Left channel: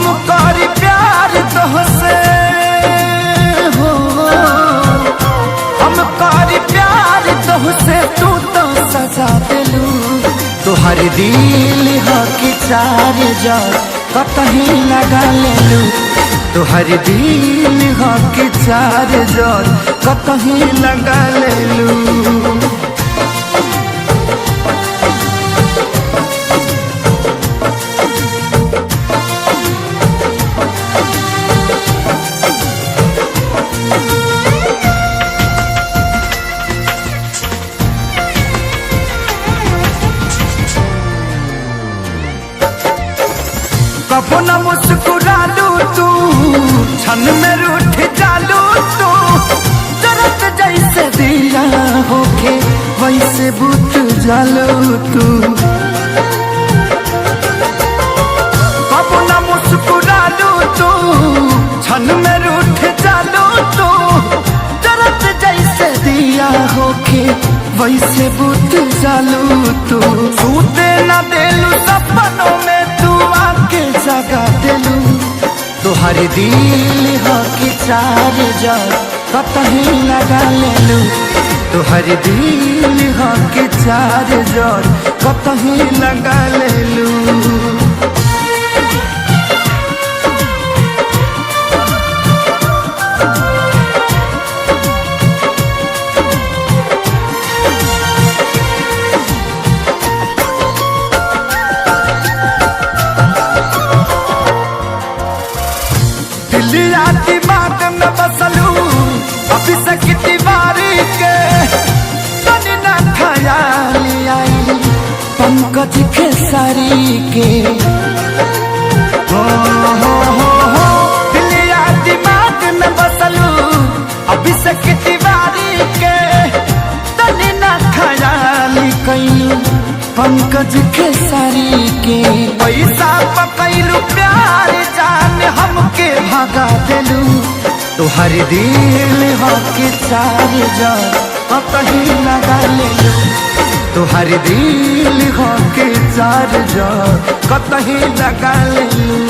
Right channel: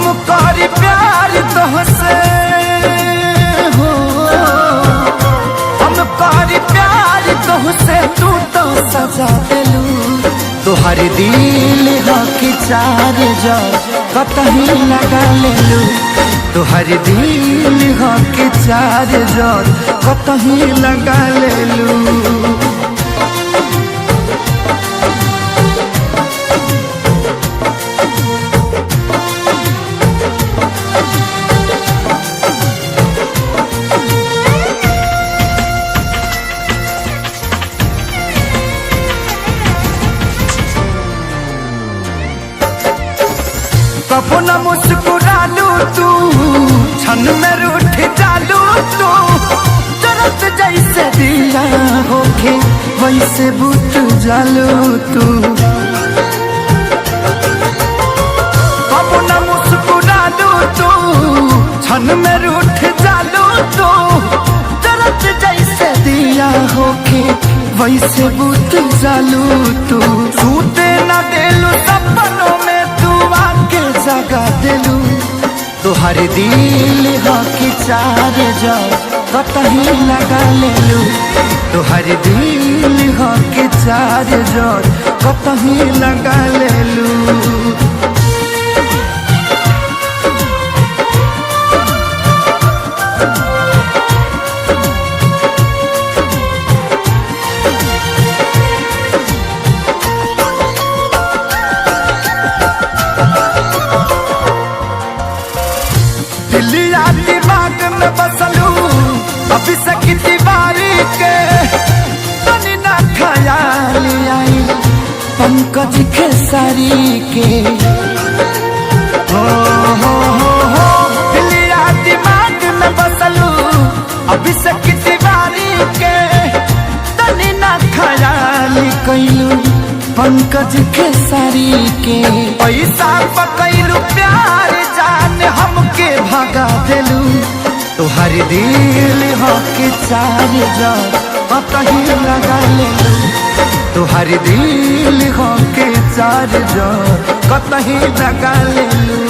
हम करी प्यार तोहसे हो, हम करी प्यार तोहसे, तू तो सजा दिलू। तोहर दिल हो कि चार जार कतही लगा लेलू। तोहर दिल हो कि चार जार कतही लगा लेलू। कबो न मुस्कुरालू तू, क्षण में रूठ जालू तू। जरत जैसे दिया होके वैसे बुझ जालू तू। कबो न मुस्कुरालू तू, क्षण में रूठ जालू तू। जरत जैसे दिया होके वैसे बुझ जालू तू। सूते न देलू सपनों में तू आके जगा दिलू। तोहर दिल हो कि चार जार कतही लगा लेलू। तोहर दिल हो कि चार जार कतही लगा लेलू। दिलिया दिमाग में बसलू अभी से दीवारी के। तनी ना ख्याल आई पंकज खेसारी के। हो दिलिया दिमाग में बसलू अभी से दीवारी के। तनी ना ख्याल कैलू पंकज खेसारी के। पैसा पकैलू प्यार जान हमके भागा दिलू। तोहर दिल हो कि चार जार कतही लगा लेलू। तोहर दिल हो कि चार जार कतही लगा लेलू।